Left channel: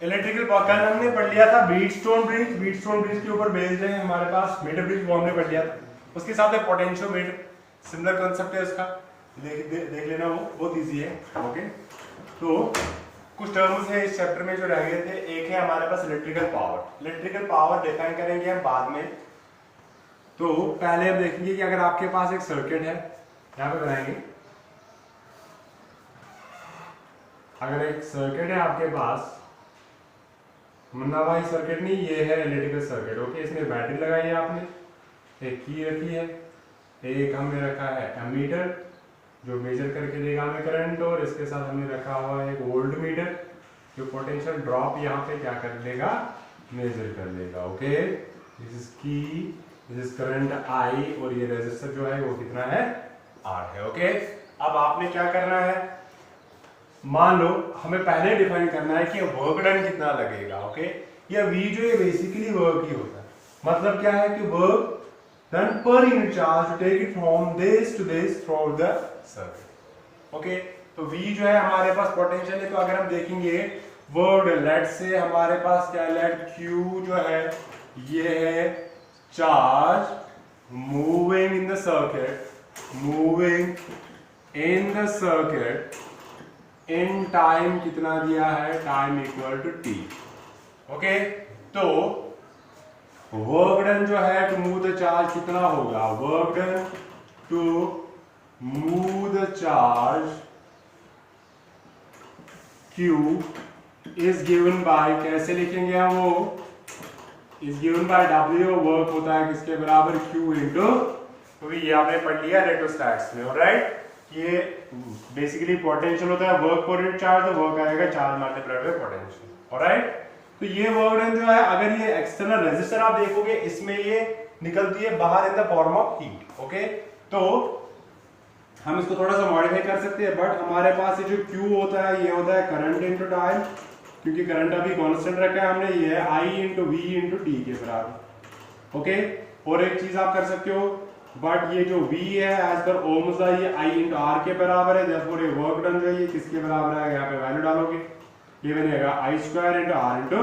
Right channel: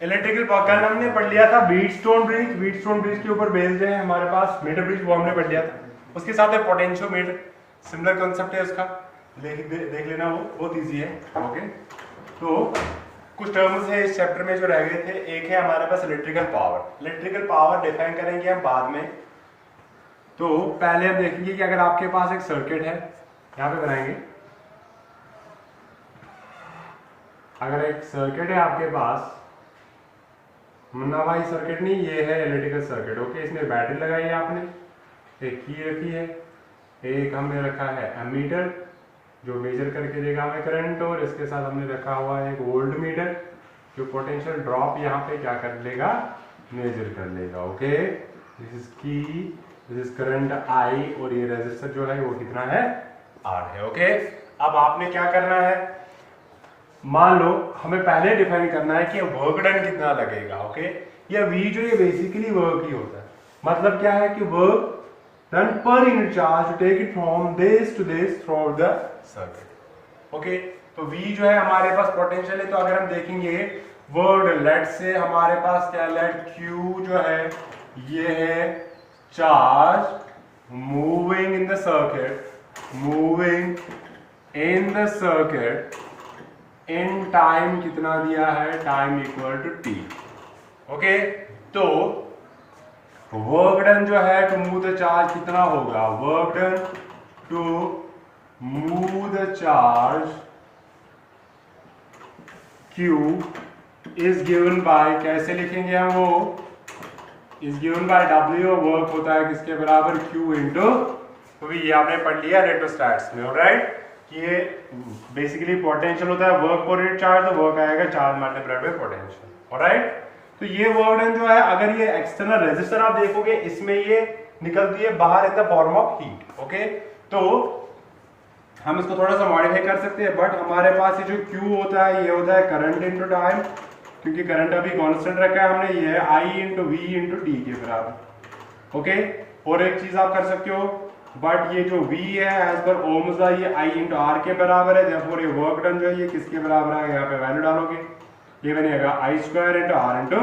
Electrical कल हमने पढ़ लिया था व्हीटस्टोन ब्रिज। व्हीटस्टोन ब्रिज के ऊपर बेस्ड है हमारे पास मीटर ब्रिज, वो हमने पढ़ लिया था। उसके साथ है पोटेंशियोमीटर, सिमिलर कॉन्सेप्ट है उसका, देख लेना, वो बहुत इजी है। ओके, तो कुछ टर्म्स है इस चैप्टर में जो रह गए थे। एक है हमारे पास electrical power. Electrical power define करेंगे हम बाद में। तो पहले हम देखेंगे कि अगर आपके पास एक सर्किट है, यहाँ पे बनाएंगे, अगर एक सर्किट है आपके पास, मुन्ना भाई सर्किट नहीं, ये है इलेक्ट्रिकल सर्किट। ओके, इसमें बैटरी लगाई है आपने, एक की रखी है, एक हमने रखा है एमीटर जो मेजर करके देगा हमें करंट, और इसके साथ हमने रखा हुआ है एक वोल्ट मीटर जो पोटेंशियल ड्रॉप यहाँ पे क्या कर लेगा, मेजर कर लेगा। ओके, दिस इज की, दिस इज करंट आई, और ये रेजिस्टर जो है वो कितना है, आर है। ओके, अब आपने क्या करना है, मान लो हमें पहले डिफाइन करना है कि वर्क डन कितना लगेगा। ओके, या वी जो ये बेसिकली वर्क ही होता है, मतलब क्या है कि work done per unit charge to take it from this to this through the circuit. Okay, तो वी जो है हमारे पास पोटेंशियल है, तो अगर हम देखेंगे वर्क, लेट से हमारे पास क्या, लेट क्यू जो है ये है charge moving in the circuit, moving in the circuit in time कितना दिया है, time equal to T. Okay, तो वर्क डन जो है टू मूव द चार्ज कितना होगा, work done to move the charge Q is given by, कैसे लिखेंगे हम, वो is given by W, work होता है किसके बराबर, Q इंटू, तो ये आपने पढ़ लिया इलेक्ट्रोस्टैटिक्स में। ऑलराइट, ये बेसिकली पोटेंशियल होता है वर्क पर यूनिट चार्ज, तो वर्क आएगा charge multiplied by potential. Alright, तो ये वर्क डन जो है, अगर ये एक्सटर्नल रेजिस्टर आप देखोगे इसमें ये निकलती है बाहर in the form of heat. Okay, तो हम इसको थोड़ा सा मॉडिफाई कर सकते हैं, बट हमारे पास ये जो Q होता है ये होता है करंट इनटू टाइम, क्योंकि करंट अभी कांस्टेंट रखा है हमने, ये है I into V into T के बराबर। ओके, और एक चीज आप कर सकते हो, बट ये जो V है एज पर ओम्स का, ये I इंटू R के बराबर है, देयरफॉर ये वर्क डन जो है ये किसके बराबर है, यहाँ पे वैल्यू डालोगे, ये बनेगा I square into R into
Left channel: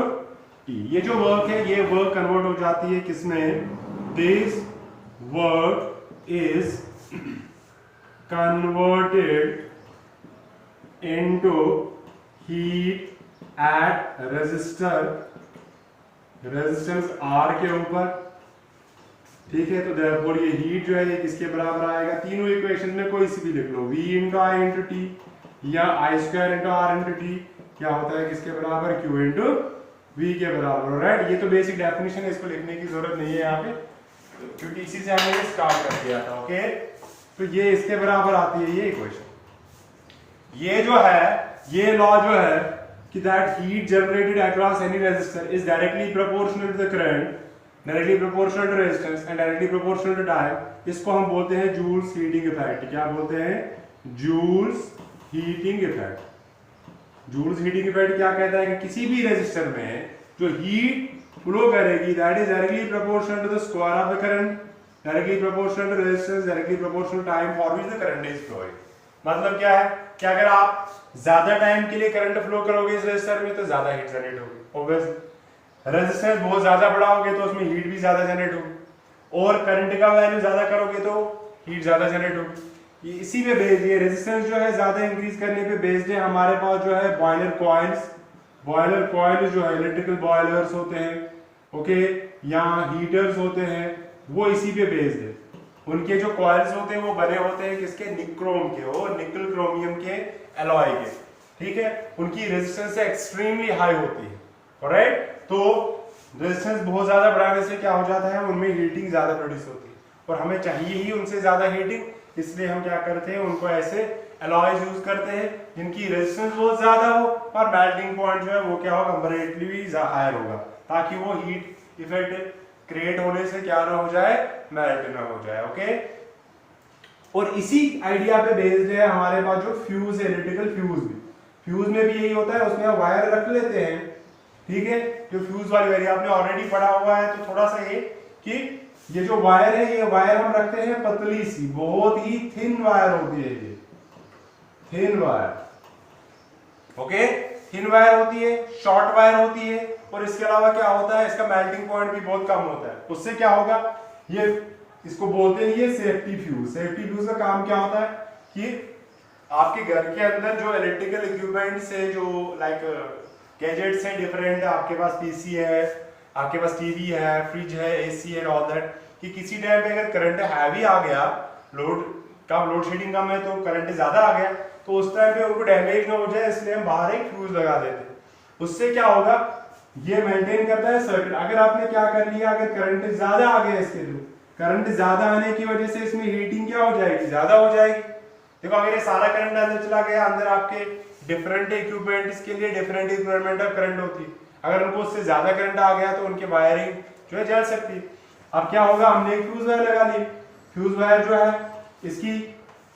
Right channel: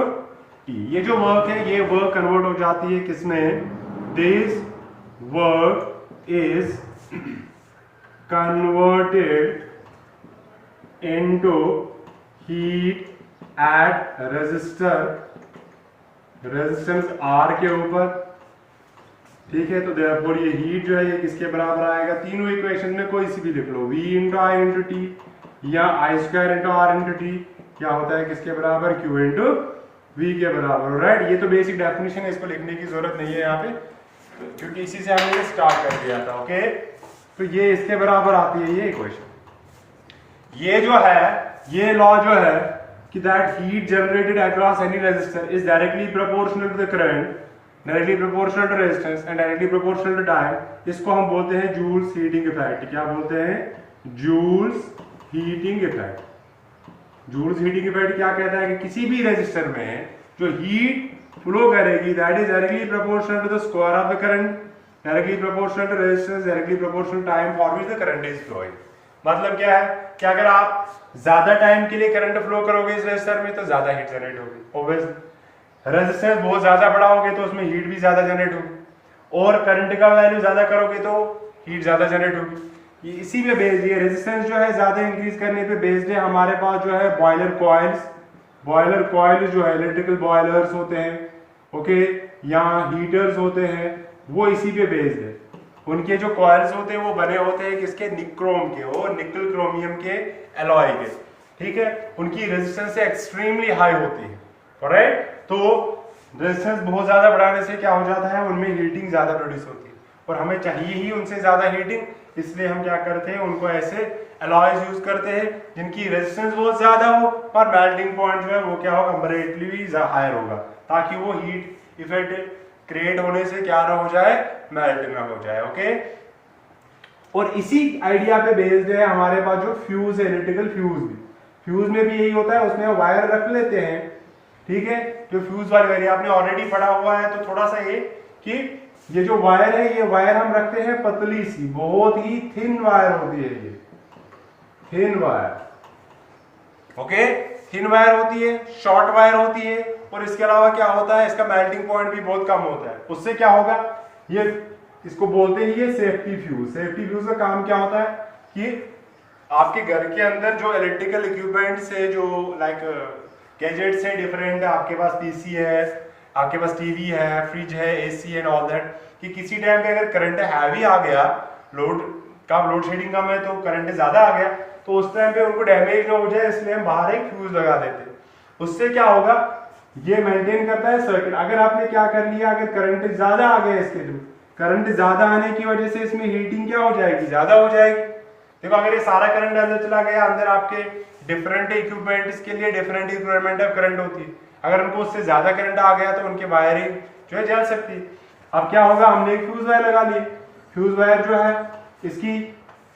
T. ये जो वर्क है ये वर्क कन्वर्ट हो जाती है किसमें, this work is converted into heat at resistance R के ऊपर। ठीक है, तो देयरफॉर ये हीट जो है ये किसके बराबर आएगा, तीनों इक्वेशन में कोई सी भी लिख लो, V into I into T या I square into R into T, क्या होता है किसके बराबर, Q इंटू V के बराबर। राइट, ये तो बेसिक डेफिनेशन है, इसको लिखने की जरूरत नहीं है यहाँ पे, क्योंकि इसी से हमने स्टार्ट कर दिया था। ओके, तो ये इसके बराबर आती है ये इक्वेशन। ये जो है, ये लॉ जो है कि that heat generated across any resistor is directly proportional to the current, directly proportional to resistance and directly proportional to time. इसको हम बोलते हैं जूल्स हीटिंग इफेक्ट। क्या बोलते हैं, Joule's heating effect. Joule's heating effect क्या कहता है कि किसी भी रेजिस्टर में जो हीट फ्लो करेगी that is directly proportional to the square of the current, directly proportional to resistance, directly proportional time for which the current is flowing. मतलब क्या है कि अगर आप ज्यादा टाइम के लिए करंट फ्लो करोगे इस रेजिस्टर में तो ज्यादा हीट जनरेट होगी, ऑब्वियसली। रेजिस्टेंस बहुत ज्यादा बढ़ाओगे तो उसमें हीट भी ज्यादा जनरेट होगी, और करंट का वैल्यू ज्यादा करोगे तो हीट ज्यादा जनरेट होगी। ये इसी पे बेस्ड है, रेजिस्टेंस जो है ज्यादा इंक्रीज करने पे बेस्ड है। हमारे पास जो है बॉयलर कॉइल्स, बॉयलर कॉइल जो है इलेक्ट्रिकल बॉयलर्स होते हैं, ओके, या हीटर्स होते हैं, वो इसी पे बेस्ड है। उनके जो कॉइल्स होते हैं वो बने होते हैं किसके, निक्रोम के, और निकल क्रोमियम के एलॉय के। ठीक है, उनकी रेजिस्टेंस एक्सट्रीमली हाई होती है। ऑलराइट, तो रेजिस्टेंस बहुत ज्यादा बढ़ाने से क्या हो जाता है, उनमें हीटिंग ज्यादा प्रोड्यूस होती है, और हमें चाहिए ही उनसे ज्यादा हीटिंग, इसलिए हम क्या करते हैं, उनको ऐसे एलॉयज यूज करते हैं जिनकी रेजिस्टेंस बहुत ज्यादा हो और मेल्टिंग पॉइंट जो है वो क्या होगा, कंपैरेटिवली हायर होगा, ताकि वो हीट इफेक्ट क्रिएट होने से क्या ना हो जाए, मेल्ट ना हो जाए। ओके, और इसी आइडिया पे बेस्ड है हमारे पास जो फ्यूज है, इलेक्ट्रिकल फ्यूज भी। फ्यूज में भी यही होता है, उसमें हम वायर रख लेते हैं। ठीक है, जो फ्यूज वाली वायर आपने ऑलरेडी पढ़ा हुआ है, तो थोड़ा सा ये कि ये जो वायर है, ये वायर हम रखते हैं पतली सी, बहुत ही थिन वायर होती है, ये thin wire. Okay, thin wire होती है, शॉर्ट वायर होती है, और इसके अलावा क्या होता है, इसका मेल्टिंग पॉइंट भी बहुत कम होता है। उससे क्या होगा, ये इसको बोलते हैं ये सेफ्टी फ्यूज। सेफ्टी फ्यूज का काम क्या होता है कि आपके घर के अंदर जो इलेक्ट्रिकल इक्विपमेंट से जो लाइक गैजेट्स हैं डिफरेंट, आपके पास पीसी है, आपके पास टीवी है, फ्रिज है, एसी एंड ऑल दैट, कि किसी टाइम पे अगर करंट हैवी आ गया, लोड शेडिंग कम है तो करंट ज्यादा आ गया, तो उस टाइम पे उनको डैमेज ना हो जाए इसलिए हम बाहर एक फ्यूज लगा देते हैं। उससे क्या होगा, ये मेंटेन करता है सर्किट। अगर आपने क्या कर लिया, अगर करंट ज्यादा आ गया इसके थ्रू, करंट ज्यादा आने की वजह से इसमें हीटिंग क्या हो जाएगी, ज्यादा हो जाएगी। देखो अगर ये सारा करंट अंदर चला गया, अंदर आपके डिफरेंट इक्विपमेंट्स के लिए डिफरेंट रिक्वायरमेंट ऑफ करंट होती है, अगर उनको उससे ज्यादा करंट आ गया तो उनकी वायरिंग जो है जल सकती है। अब क्या होगा, हमने एक फ्यूज वायर लगा ली, फ्यूज वायर जो है इसकी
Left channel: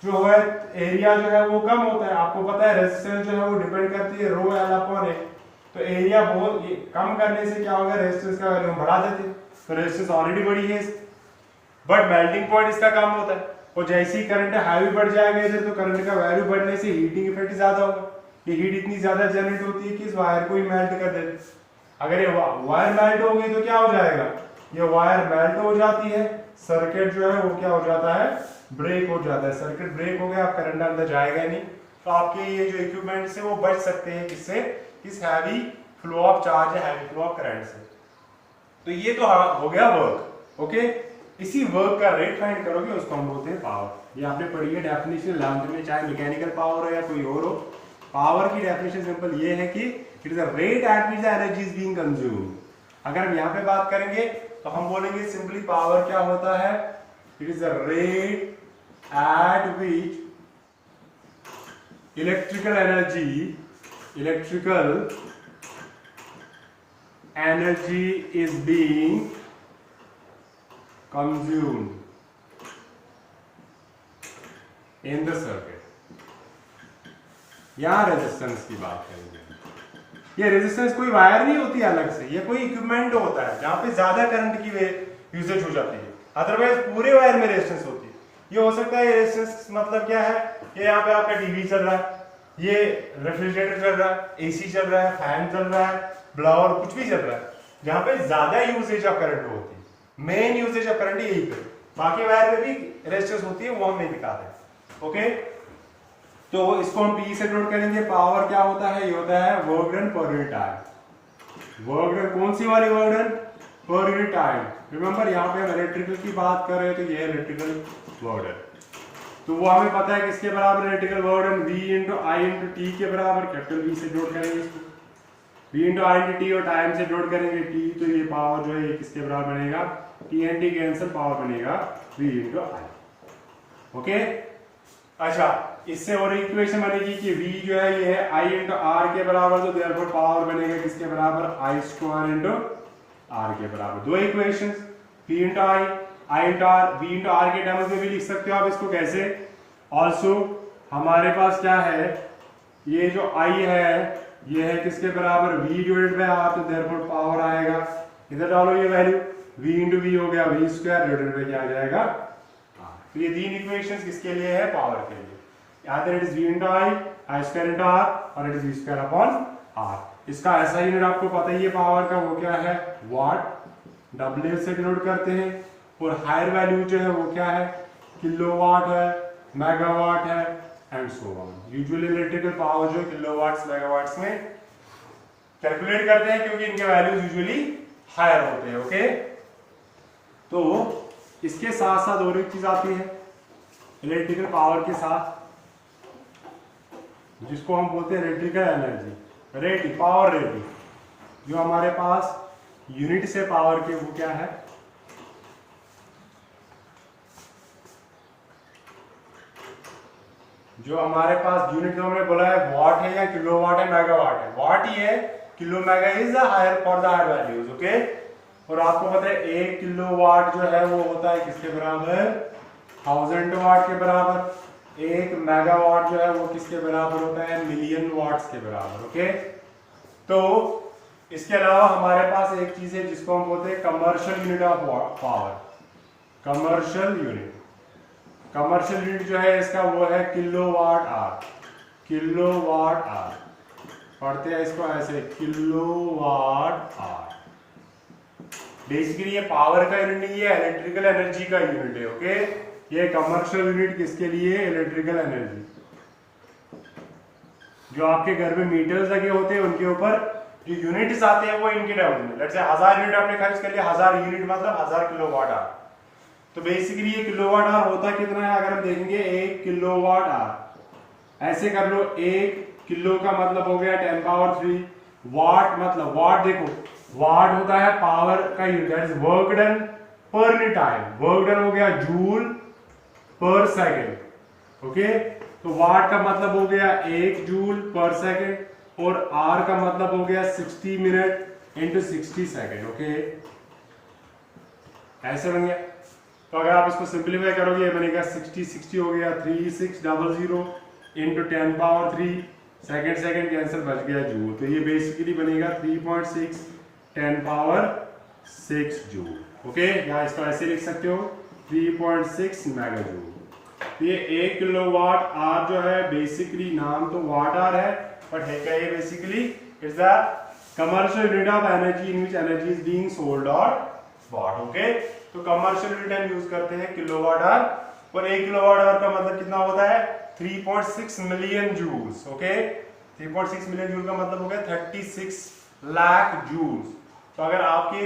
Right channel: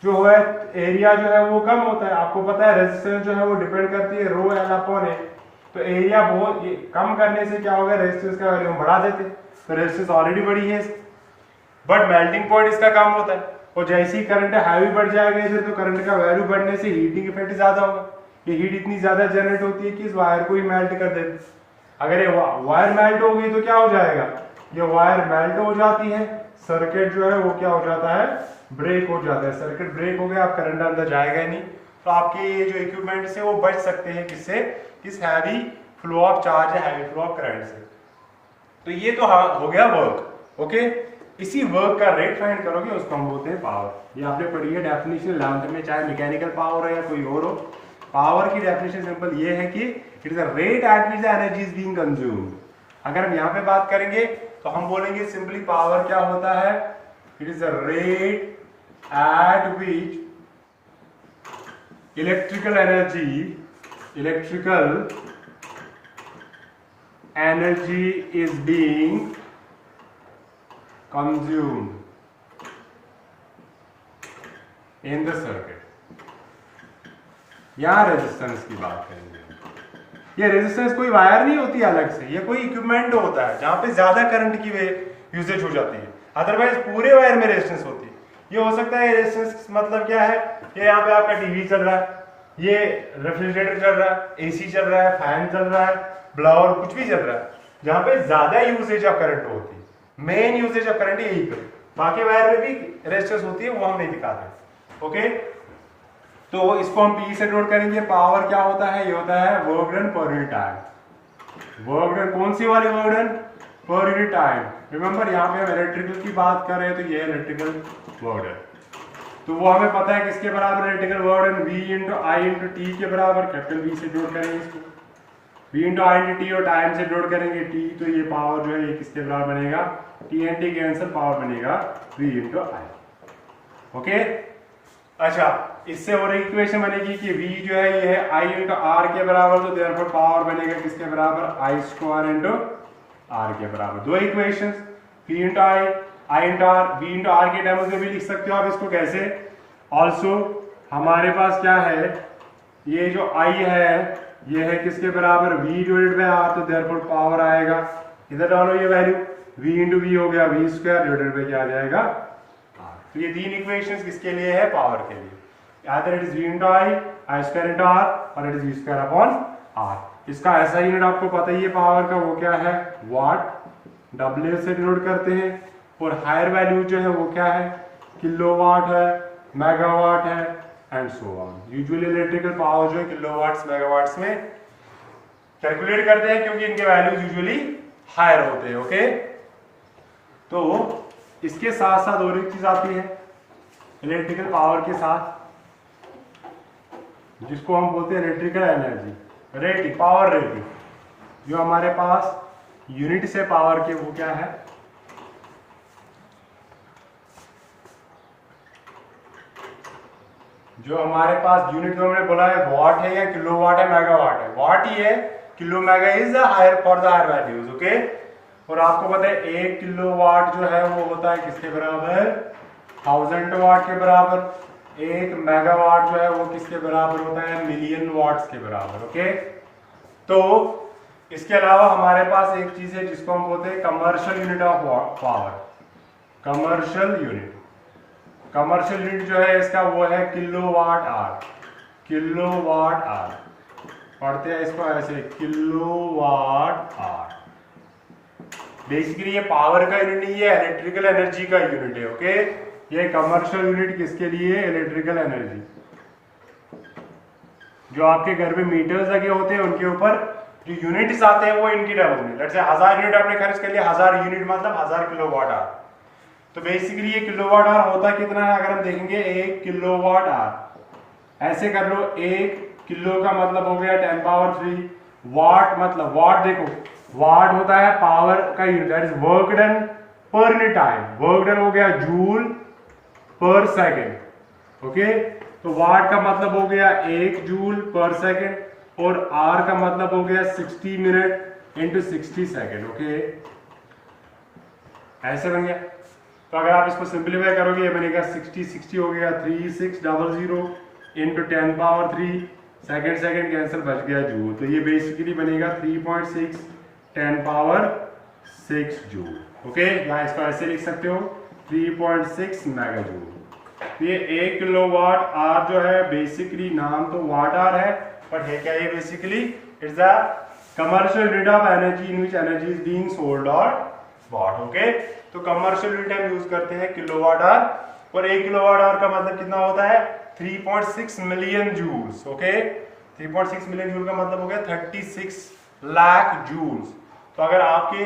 जो है एरिया जो है वो कम होता है। आपको पता है रेजिस्टेंस जो है वो डिपेंड करती है रो एल अपॉन ए, तो एरिया बहुत कम करने से क्या होगा, रेजिस्टेंस का वैल्यू बढ़ा देते, तो रेजिस्टेंस ऑलरेडी बड़ी है, बट मेल्टिंग पॉइंट इसका कम होता है। और जैसे ही करंट हैवी बढ़ जाएगा इधर, तो करंट का वैल्यू बढ़ने से हीटिंग इफेक्ट ज्यादा होगा। ये हीट इतनी ज्यादा जनरेट होती है कि इस वायर को ही मेल्ट कर देती। अगर ये वायर मेल्ट हो गई तो क्या हो जाएगा, ये वायर मेल्ट हो जाती है, सर्किट जो है वो क्या हो जाता है, ब्रेक हो जाता है। सर्किट ब्रेक हो गया, आप करंट अंदर जाएगा नहीं, तो आपके ये जो इक्विपमेंट है वो बच सकते हैं किससे, इस हैवी फ्लो ऑफ चार्ज है, हैवी फ्लो ऑफ करंट से। तो ये तो हो गया वर्क, ओके। इसी वर्क का रेट फाइंड करोगे, उसको हम बोलते हैं पावर। ये आपने पढ़ी है डेफिनेशन 11th में, चाहे मैकेनिकल पावर हो या कोई और हो। पावर की डेफिनेशन सिंपल ये है कि it is a rate at which the energy is being consumed. अगर हम यहाँ पे बात करेंगे तो हम बोलेंगे सिंपली पावर क्या होता है, it is a rate at which electrical energy is being consumed in the circuit। यहां रेजिस्टेंस की बात करेंगे। ये रेजिस्टेंस कोई वायर नहीं होती अलग से, ये कोई इक्विपमेंट होता है जहां पे ज्यादा करंट की यूजेज हो जाती है, अदरवाइज पूरे वायर में रेजिस्टेंस होती है। ये हो सकता है रेजिस्टेंस मतलब क्या है, ये यहाँ पे आपका टीवी चल रहा है, ये रेफ्रिजरेटर चल रहा है, एसी चल रहा है, फैन चल रहा है, ब्लावर कुछ भी चल रहा है, जहां पे ज्यादा यूजेज ऑफ करंट होती है। मेन यूजेज ऑफ करंट यही पे, बाकी वायर में भी रेजिस्टेंस होती है, वो हम नहीं दिखाते हैं, ओके। तो इसको हम पी से नोट करेंगे। पावर क्या होता है, ये होता है work done per unit time. Work done कौन सी वाली work done, per unit time. Remember यहाँ पे हम इलेक्ट्रिकल की बात कर रहे हैं, तो ये इलेक्ट्रिकल वर्क डन, तो वो हमें पता है किसके बराबर electrical work done, V into I into T के बराबर, कैपिटल V से जोड़ करेंगे इसको, V into I into T, और टाइम से जोड़ करेंगे T, तो ये पावर जो है ये किसके बराबर बनेगा, TNT के आंसर पावर बनेगा V इंटू आई, ओके। अच्छा, इससे और इक्वेशन बनेगी कि V जो है ये है I इंटू R के बराबर, तो देयरफॉर पावर बनेगा किसके बराबर, I स्क्वायर इंटू R के बराबर। दो equations, P into I into R, V into R के टर्म्स में भी लिख सकते हो आप इसको कैसे। ऑल्सो हमारे पास क्या है, ये जो I है ये है किसके बराबर, V डिवाइडेड बाय R, तो देयरफॉर पावर आएगा, इधर डालो ये वैल्यू, V इंटू V हो गया V स्क्वायर डिवाइडेड बाय क्या आ जाएगा R। तो ये तीन इक्वेशंस किसके लिए है, पावर के लिए। either it is V into I square into R, और it is V square upon R। इसका ऐसा यूनिट आपको पता ही है पावर का, वो क्या है, वाट, W से डिनोट करते हैं, और हायर वैल्यू जो है वो क्या है, किलोवाट है, मेगावाट है, and so on. Usually electrical power जो है किलोवाट्स मेगावाट्स में कैलकुलेट करते हैं, क्योंकि इनके वैल्यूज यूजुअली हायर होते हैं, ओके। तो इसके साथ साथ और एक चीज आती है इलेक्ट्रिकल पावर के साथ, जिसको हम बोलते हैं electrical energy rating, power rating. जो हमारे पास यूनिट से पावर के वो क्या है, जो हमारे पास यूनिट जो हमने बोला है वॉट है या किलोवाट है, मेगावाट है। वॉट ही है, kilo mega is higher for the higher values, okay. और आपको पता है 1 किलोवाट जो है वो होता है किसके बराबर, 1000 वाट के बराबर। 1 मेगावाट जो है वो किसके बराबर होता है, मिलियन वाट्स के बराबर, ओके। तो इसके अलावा हमारे पास एक चीज है जिसको हम बोलते हैं commercial unit of power. Commercial unit जो है इसका वो है किलोवाट आवर, किलोवाट आवर, पढ़ते हैं इसको ऐसे, किलोवाट आवर। बेसिकली ये पावर का यूनिट नहीं है, इलेक्ट्रिकल एनर्जी का यूनिट है। ओके, ये कमर्शियल यूनिट किसके लिए? Electrical energy. जो आपके घर में मीटर्स लगे होते हैं उनके ऊपर जो यूनिट्स आते हैं वो इनके टर्म में, लेट्स से 1000 यूनिट आपने खर्च कर लिया, 1000 यूनिट मतलब 1000 किलोवाट आवर। तो बेसिकली ये किलोवाट आवर होता कितना है? अगर हम देखेंगे 1 किलोवाट आवर, ऐसे कर लो, 1 किलो का मतलब हो गया 10 पावर 3, वाट मतलब, वाट देखो, वाट होता है पावर का unit, that is work done per unit time. Work done हो गया जूल पर सेकेंड। ओके, तो वाट का मतलब हो गया 1 जूल पर सेकेंड, और आर का मतलब हो गया 60 मिनट इंटू 60 सेकेंड। ओके, ऐसे बन गया। तो अगर आप इसको सिंप्लीफाई करोगे ये बनेगा 60 हो गया 3600 into 10 power 3, second second cancel, बच गया जूल। तो ये बेसिकली बनेगा 3.6 10 पावर 6 जूल। ओके, यहाँ इसको ऐसे लिख सकते हो 3.6 मेगा जूल। ये 1 किलोवाट आवर जो है, बेसिकली नाम तो वाट आवर है, बट है क्या ये? Basically it's the commercial unit of energy in which energy is being sold और बॉट। ओके, तो कमर्शियल यूनिट हम यूज करते हैं किलोवाट आवर, और 1 किलोवाट आवर का मतलब कितना होता है? 3.6 million joules. Okay, 3.6 million joule का मतलब हो गया 36 लाख जूल्स। तो अगर आपके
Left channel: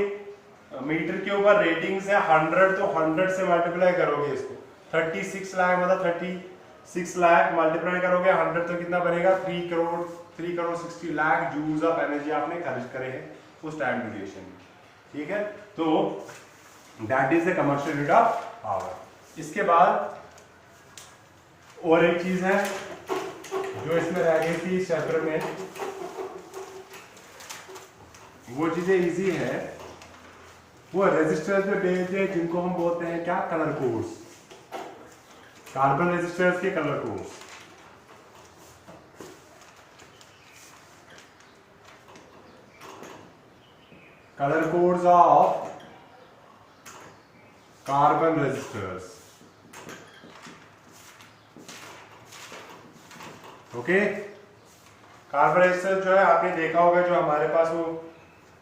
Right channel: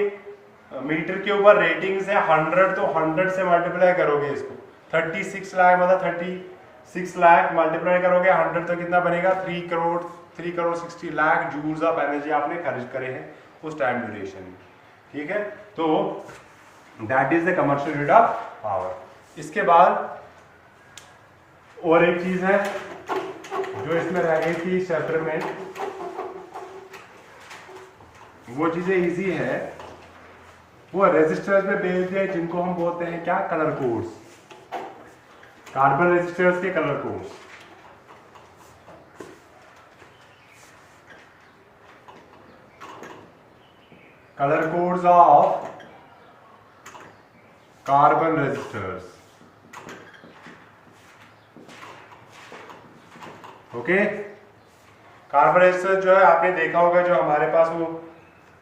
मीटर के ऊपर रेटिंग्स है 100, तो 100 से मल्टीप्लाई करोगे इसको, 36 लाख मतलब 36 लाख मल्टीप्लाई करोगे 100, तो कितना बनेगा? 3 crore 60 lakh joules of energy आपने खर्च करे हैं उस टाइम ड्यूरेशन में। ठीक है, तो that is the commercial unit of power. इसके बाद और एक चीज है जो इसमें रह गई थी इस चैप्टर में, वो चीजें इजी है, वो रेजिस्टर्स में बेस्ड है, जिनको हम बोलते हैं क्या? Colour codes. कार्बन रेजिस्टर्स के colour codes. Colour codes of carbon resistors. Okay, carbon resistor जो है आपने देखा होगा, जो हमारे पास वो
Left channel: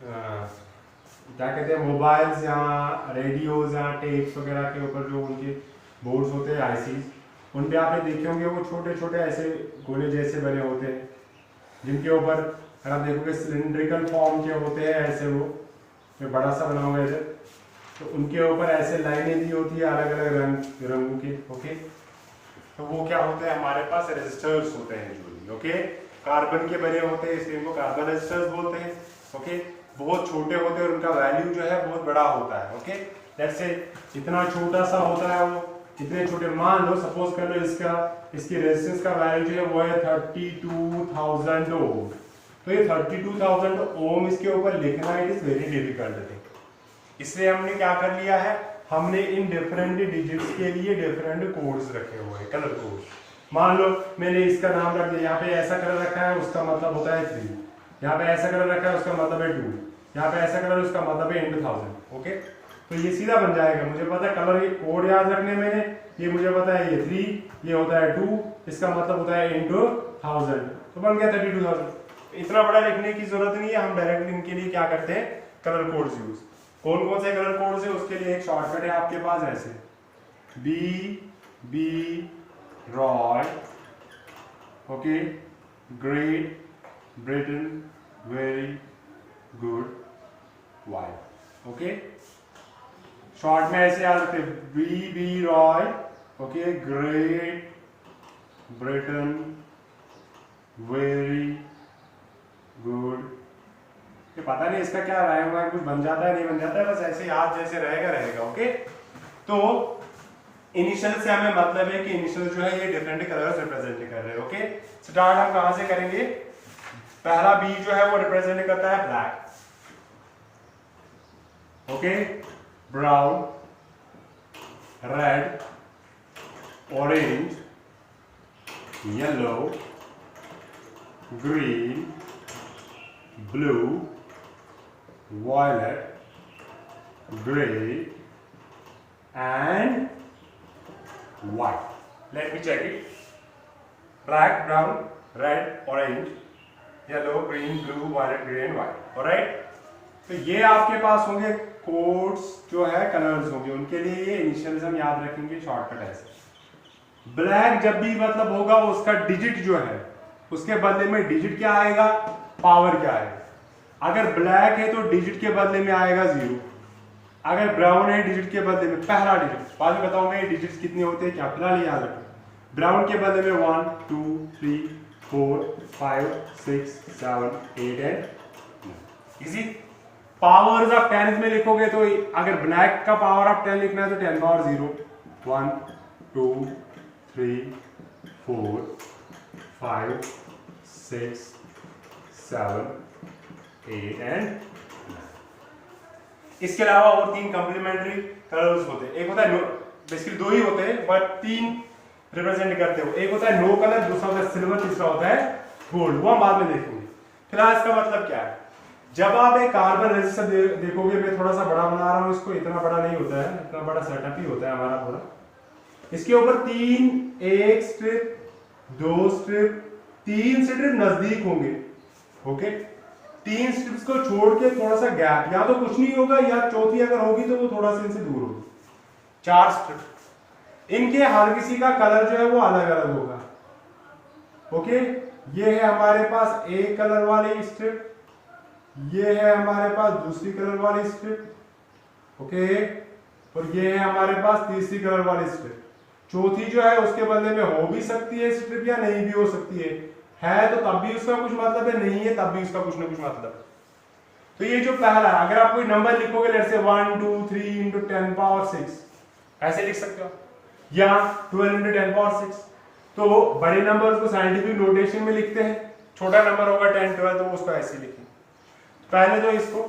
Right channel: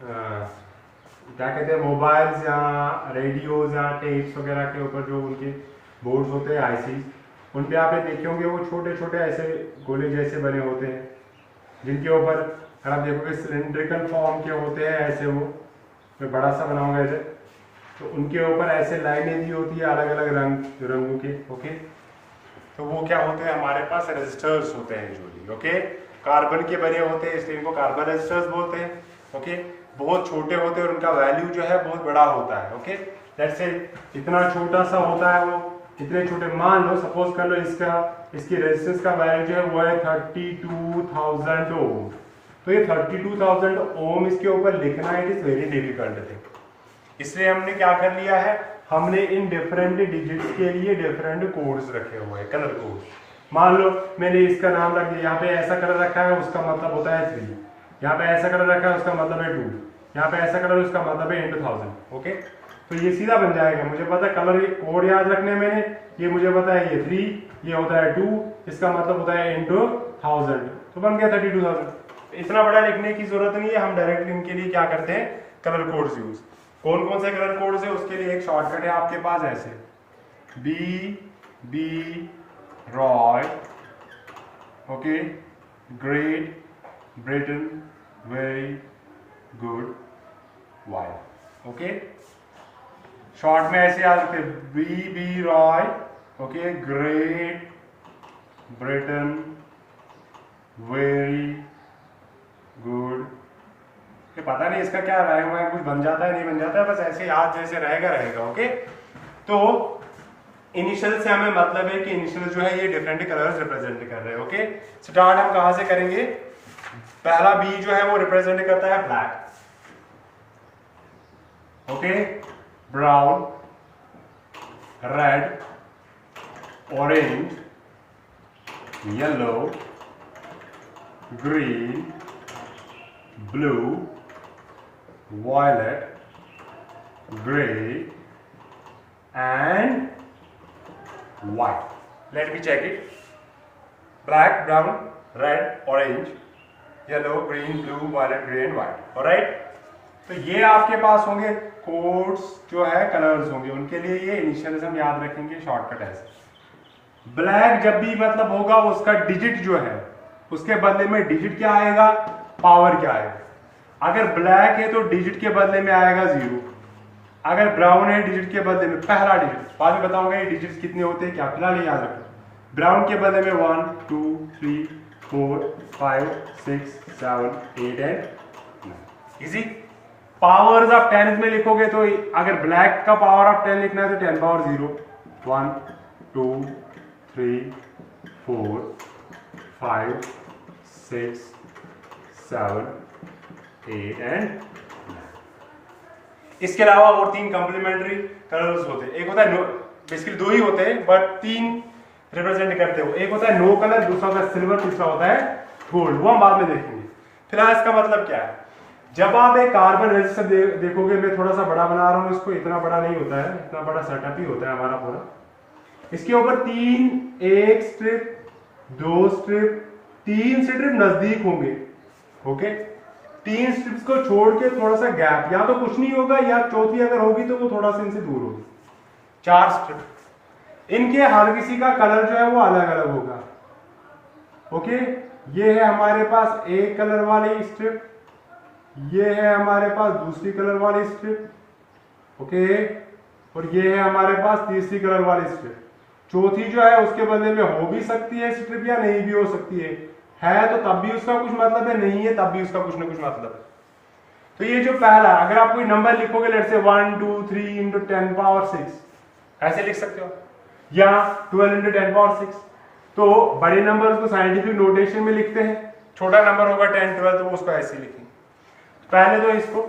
क्या कहते हैं, मोबाइल्स या रेडियोज या टेप्स वगैरह के ऊपर जो उनके बोर्ड्स होते हैं, आईसीज, उन पे आपने देखे होंगे वो छोटे छोटे ऐसे गोले जैसे बने होते हैं, जिनके ऊपर अगर आप देखोगे सिलिंड्रिकल फॉर्म के होते हैं ऐसे, वो मैं बड़ा सा बना होगा इधर, तो उनके ऊपर ऐसे लाइनें दी होती है अलग अलग रंगों के। ओके, तो वो क्या होते हैं? हमारे पास रेजिस्टर्स होते हैं जो, ओके, कार्बन के बने होते हैं, इसलिए इनको कार्बन रेजिस्टर्स बोलते हैं। ओके, बहुत छोटे होते हैं और उनका वैल्यू जो है बहुत बड़ा होता है। ओके, जैसे इतना छोटा सा होता है वो, इतने छोटे, मान लो सपोज कर लो इसकी रेजिस्टेंस का वैल्यू जो है वो है 32,000 ओम। तो ये 32,000 ओम इसके ऊपर लिखना it is very difficult thing, इसलिए हमने क्या कर लिया है, हमने इन डिफरेंट डिजिट्स के लिए डिफरेंट कोड्स रखे हुए हैं, कलर कोड्स। मान लो मैंने इसका नाम रख दिया, यहाँ पे ऐसा कलर रखा है उसका मतलब होता है 3, यहाँ पे ऐसा कलर रखा है उसका मतलब है 2, यहाँ पे ऐसा कलर उसका मतलब है into 1000। ओके, तो ये सीधा बन जाएगा, मुझे पता है कलर कोड याद रखने मैंने, ये मुझे पता है ये 3, ये होता है 2, इसका मतलब होता है into 1000, तो बन गया 32,000। इतना बड़ा लिखने की जरूरत नहीं है, हम डायरेक्टली इनके लिए क्या करते हैं, कलर कोड्स यूज। कौन कौन से कलर कोड्स है उसके लिए एक शॉर्टकट है आपके पास, ऐसे B Roy, okay, great Britain, very good, Y. Okay, short में ऐसे याद रखते हैं, B Roy, okay, great Britain, very good. पता नहीं इसका क्या रहेगा, कुछ बन जाता है नहीं बन जाता है, बस ऐसे याद जैसे रहेगा। ओके, तो इनिशियल से हमें मतलब है कि इनिशियल जो है ये डिफरेंट कलर्स रिप्रेजेंट कर रहे हैं। ओके, स्टार्ट हम कहां से करेंगे? पहला बी जो है वो रिप्रेजेंट करता है black, okay, brown, red, orange, yellow, green, blue, violet, gray and white. Let me check it. Black, brown, red, orange, yellow, green, blue, violet, grey and white. Alright, तो ये आपके पास होंगे कोड्स जो है, कलर्स होंगे, उनके लिए ये इनिशियलिज्म याद रखेंगे, शॉर्टकट ऐसे। ब्लैक जब भी मतलब होगा उसका डिजिट जो है उसके बदले में डिजिट क्या आएगा, पावर क्या आएगा। अगर ब्लैक है तो डिजिट के बदले में आएगा 0, अगर ब्राउन है डिजिट के बदले में पहला डिजिट, बाद में बताऊंगा ये डिजिट्स कितने होते हैं क्या, फिलहाल याद रखो। ब्राउन के बदले में 1 2 3 4 5 6 7 8 एंड इजी। पावर्स ऑफ 10 इसमें लिखोगे तो अगर ब्लैक का पावर ऑफ 10 लिखना है तो 10 पावर 0, 1 2 3 4 5 6 7 8 एंड। इसके अलावा और 3 कंप्लीमेंट्री कलर्स होते हैं। एक होता है बेसिकली 2 ही होते हैं बट 3 रिप्रेजेंट करते हो। एक होता है नो कलर, दूसरा होता है सिल्वर, तीसरा होता है गोल्ड, वो हम बाद में देखेंगे। फिलहाल इसका मतलब क्या है, जब आप एक कार्बन रेजिस्टर देखोगे, मैं थोड़ा सा बड़ा बना रहा हूं इसको, इतना बड़ा नहीं होता है, इतना बड़ा सेटअप ही होता है हमारा पूरा। इसके ऊपर 3, 1 स्ट्रिप, 2 स्ट्रिप, 3 स्ट्रिप नजदीक होंगे। ओके, 3 स्ट्रिप्स को छोड़ के थोड़ा सा गैप, या तो कुछ नहीं होगा या चौथी अगर होगी तो वो थोड़ा सा इनसे दूर होगी। 4 स्ट्रिप, इनके हर किसी का कलर जो है वो अलग अलग होगा। ओके, ये है हमारे पास एक कलर वाली स्ट्रिप, ये है हमारे पास दूसरी कलर वाली स्ट्रिप। ओके, और ये है हमारे पास तीसरी कलर वाली स्ट्रिप। चौथी जो है उसके बदले में हो भी सकती है स्ट्रिप या नहीं भी हो सकती है तो तब भी उसका कुछ मतलब है, नहीं है तब भी उसका कुछ ना कुछ मतलब है। तो ये जो पहला, अगर आप कोई नंबर लिखोगे लेट्स से 1 2 3 इंटू 10 पावर 6 ऐसे लिख सकते हो, या 12 इंटू 10 पावर 6। तो बड़े नंबर को साइंटिफिक नोटेशन में लिखते हैं, छोटा नंबर होगा 10 12 तो उसको ऐसे लिखेंगे। पहले तो इसको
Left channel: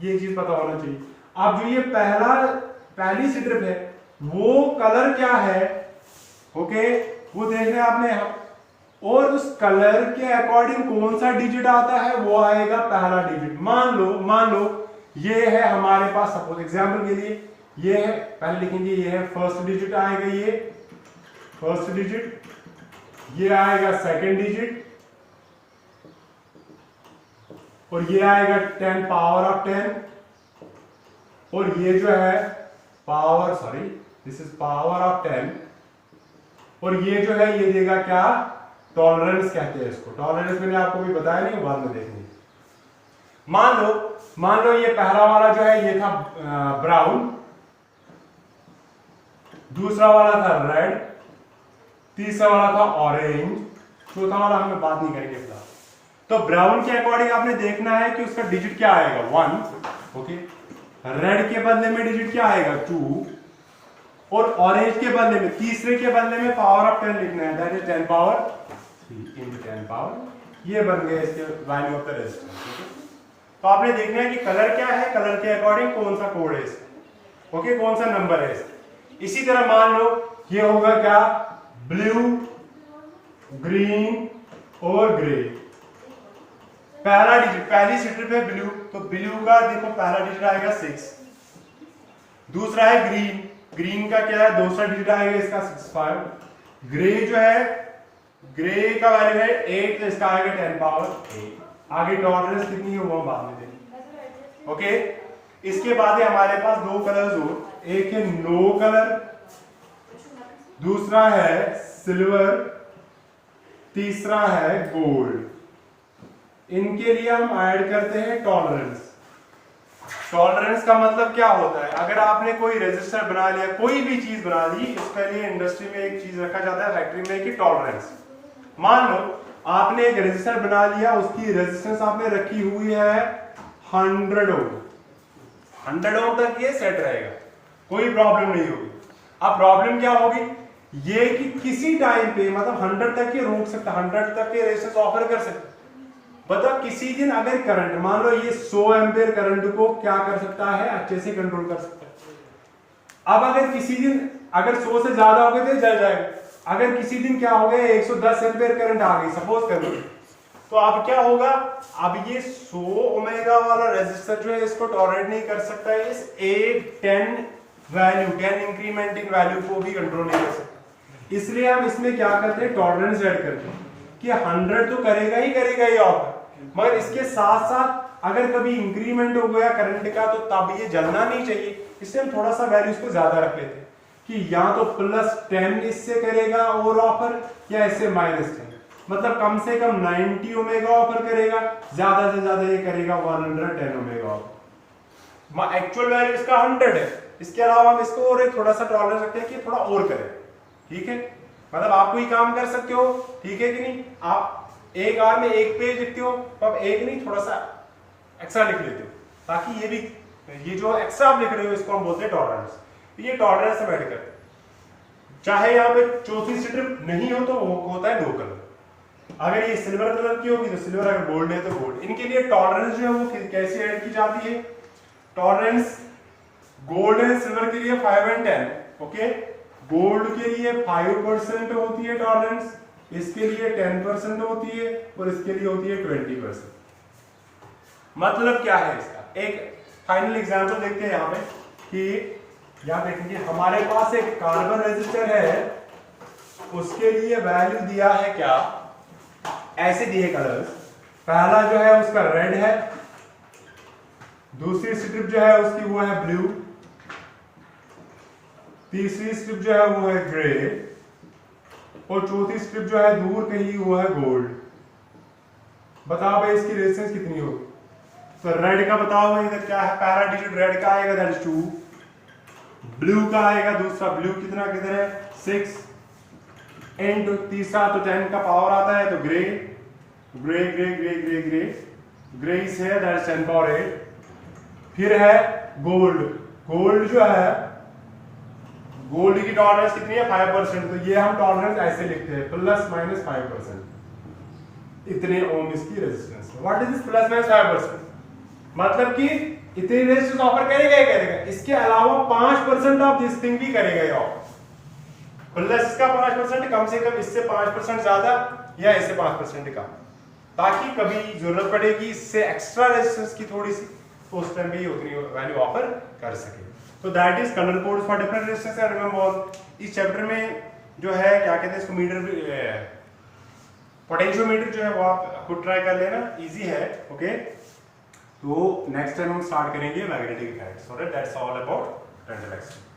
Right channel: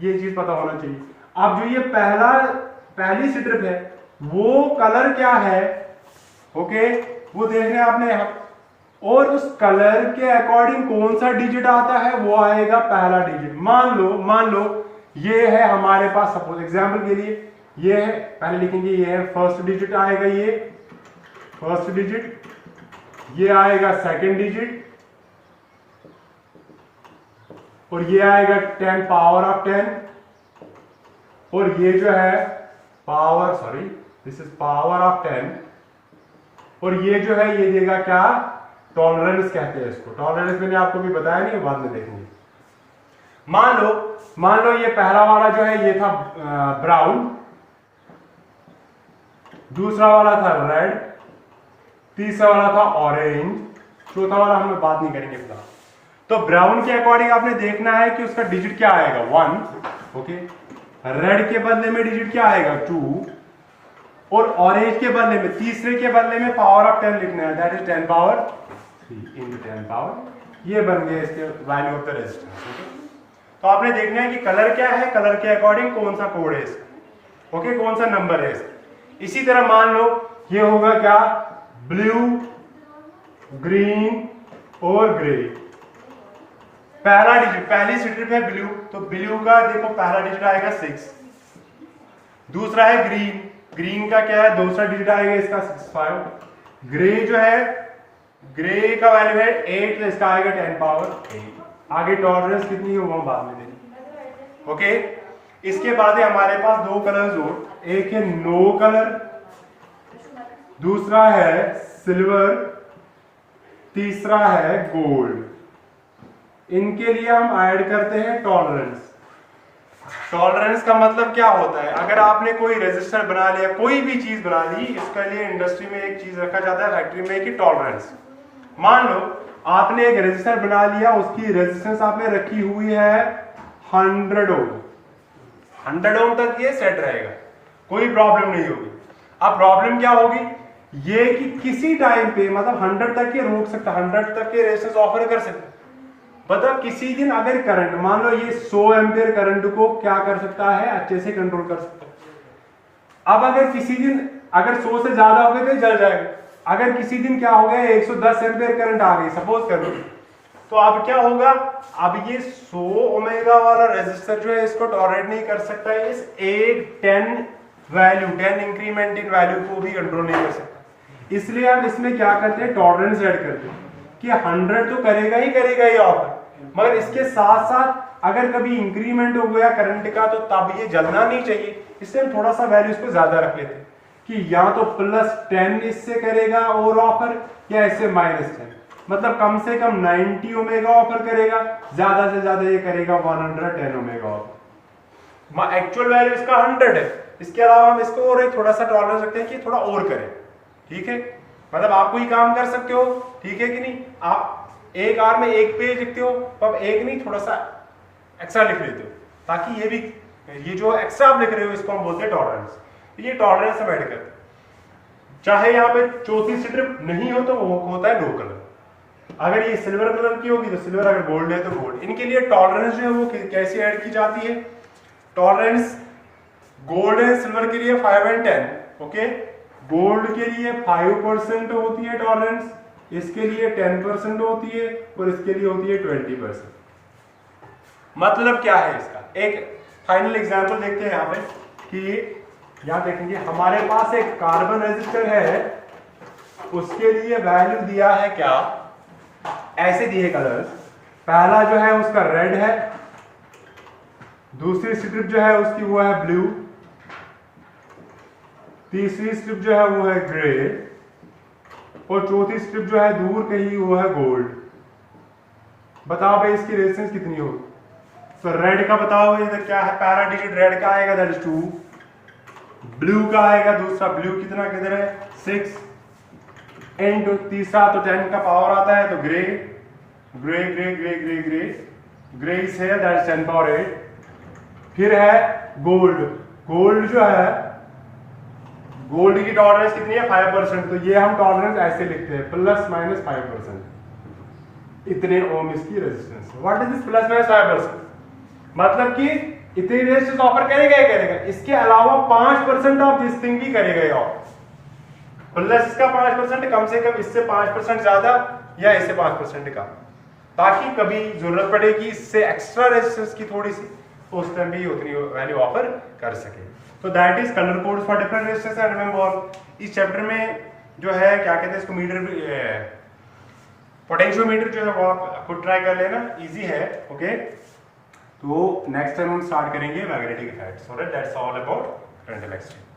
ये चीज पता होना चाहिए। अब जो ये पहली स्ट्रिप है वो कलर क्या है, ओके, वो देखने आपने यहां, और उस कलर के अकॉर्डिंग कौन सा डिजिट आता है वो आएगा पहला डिजिट। मान लो ये है हमारे पास, सपोज एग्जांपल के लिए ये है, पहले लिखेंगे ये है फर्स्ट डिजिट आएगा, ये फर्स्ट डिजिट, ये आएगा सेकंड डिजिट, और ये आएगा 10 पावर ऑफ 10, और ये जो है power, sorry this is power of 10, और ये जो है ये देगा क्या, टॉलरेंस कहते हैं इसको। टॉलरेंस मैंने आपको भी बताया नहीं, बाद में देखेंगे। मान लो ये पहला वाला जो है ये था ब्राउन, दूसरा वाला था रेड, तीसरा वाला था ऑरेंज, चौथा वाला हम बात नहीं करेंगे फिलहाल। तो ब्राउन के अकॉर्डिंग आपने देखना है कि उसका डिजिट क्या आएगा 1, ओके, रेड के बदले में डिजिट क्या आएगा 2, और ऑरेंज के बदले में, तीसरे के बदले में पावर ऑफ 10 लिखना है, that is 10 power 3 into 10 power. ये बन गया इसके वैल्यू ऑफ द रेजिस्टेंस। तो आपने देखना है कि कलर क्या है, कलर के अकॉर्डिंग कौन सा कोड है इसका, ओके, कौन सा नंबर है इसका। इसी तरह मान लो ये होगा क्या, ब्लू, ग्रीन और ग्रे। पहला डिजिट, पहली स्ट्रिप है ब्लू, तो ब्लू का देखो पहला डिजिट आएगा 6, दूसरा है ग्रीन, ग्रीन का क्या है दूसरा डिजिट आएगा इसका 65, ग्रे जो है, ग्रे का वैल्यू है 8 तो इसका आएगा 10 पावर 8। आगे टॉलरेंस कितनी है वो बाद में देंगे। ओके, इसके बाद है हमारे पास 2 कलर्स और, एक है नो कलर, दूसरा है सिल्वर, तीसरा है गोल्ड। इनके लिए हम ऐड करते हैं टॉलरेंस। टॉलरेंस का मतलब क्या होता है, अगर आपने कोई रेजिस्टर बना लिया, कोई भी चीज बना ली, इसके लिए इंडस्ट्री में एक चीज रखा जाता है फैक्ट्री में कि टॉलरेंस। मान लो आपने एक रेजिस्टर बना लिया, उसकी रेजिस्टेंस आपने रखी हुई है 100 ओम, 100 ओम तक ये सेट रहेगा, कोई प्रॉब्लम नहीं होगी। अब प्रॉब्लम क्या होगी, ये कि किसी टाइम पे मतलब 100 तक ये रोक सकता, 100 तक ये रेजिस्टेंस ऑफर कर सकता। मतलब किसी दिन अगर करंट, मान लो ये 100 एम्पियर करंट को क्या कर सकता है, अच्छे से कंट्रोल कर सकता है। अब अगर किसी दिन अगर 100 से ज्यादा हो गए तो जल जाएगा। अगर किसी दिन क्या हो गया 110 एम्पियर करंट आ गई सपोज कर लो, तो अब क्या होगा, अब ये 100 ओमेगा वाला रेजिस्टर जो है इसको टॉलरेट नहीं कर सकता, इस एक 10 वैल्यू 10 इंक्रीमेंट इन वैल्यू को भी कंट्रोल नहीं कर सकता। इसलिए हम इसमें क्या करते हैं, टॉलरेंस ऐड करते हैं कि 100 तो करेगा ही ऑफर, मगर इसके साथ साथ अगर कभी इंक्रीमेंट हो गया करंट का तो तब ये जलना नहीं चाहिए, इससे हम थोड़ा सा वैल्यू इसको ज्यादा रख लेते हैं कि या तो +10 इससे करेगा और ऑफर या इससे -10, मतलब कम से कम 90 ओमेगा ऑफर करेगा, ज्यादा से ज्यादा ये करेगा 110 ओमेगा ऑफर। एक्चुअल वैल्यू इसका 100 है, इसके अलावा हम इसको और थोड़ा सा टॉलरेंस रखते हैं कि थोड़ा और करें, ठीक है, मतलब आप कोई काम कर सकते हो, ठीक है कि नहीं, आप एक आर में एक पेज लिखते हो तो आप एक नहीं थोड़ा सा एक्स्ट्रा लिख लेते हो, ताकि ये भी ये जो एक्स्ट्रा आप लिख रहे हो इसको हम बोलते हैं टॉलरेंस। तो ये टॉलरेंस हम ऐड करते हैं। चाहे यहाँ पे चौथी स्ट्रिप नहीं हो तो वो होता है नो कलर, अगर ये सिल्वर कलर की होगी तो सिल्वर, अगर गोल्ड है तो गोल्ड। इनके लिए टॉलरेंस जो है वो कैसे ऐड की जाती है? टॉलरेंस गोल्ड एंड सिल्वर के लिए 5 and 10, ओके, गोल्ड के लिए 5% होती है टॉलरेंस, इसके लिए 10% होती है और इसके लिए होती है 20%। मतलब क्या है इसका? एक फाइनल एग्जांपल देखते हैं यहाँ पे कि यहाँ देखेंगे हमारे पास एक कार्बन रेजिस्टर है, उसके लिए वैल्यू दिया है क्या, ऐसे दिए कलर्स, पहला जो है उसका रेड है, दूसरी स्ट्रिप जो है उसकी वो है ब्लू, तीसरी स्ट्रिप जो है वो है ग्रे और चौथी स्ट्रिप जो है दूर कहीं वो है गोल्ड। बताओ भाई इसकी रेजिस्टेंस कितनी हो? तो रेड का बताओ भाई, इधर क्या है, पहला डिजिट रेड का आएगा दैट इज 2, ब्लू का आएगा दूसरा, ब्लू कितना किधर है 6 इनटू तीसरा तो 10 का पावर आता है तो grey grey grey grey grey grey grey is here that is 10 power 8। फिर है गोल्ड, गोल्ड जो है गोल्ड की टॉलरेंस कितनी है 5%, तो ये हम टॉलरेंस ऐसे लिखते हैं ±5%, इतने ओम इसकी रेजिस्टेंस। What is this +-5%? मतलब कि इतनी रेजिस्टेंस ऑफर करेगा ही करेगा, इसके अलावा 5% ऑफ दिस थिंग भी करेगा ये ऑफर, प्लस का 5%, कम से कम इससे 5% ज्यादा या इससे 5% कम, ताकि कभी जरूरत पड़ेगी इससे एक्स्ट्रा रेजिस्टेंस की थोड़ी सी, तो उस टाइम भी उतनी वैल्यू ऑफर कर सके। तो that is colour code for different resistance. And remember इस चैप्टर में जो है क्या कहते हैं इसको, मीटर पोटेंशियोमीटर जो है वो आप खुद ट्राई कर लेना, इजी है, ओके। तो नेक्स्ट टाइम हम स्टार्ट करेंगे magnetic effect, so that's all about current electricity.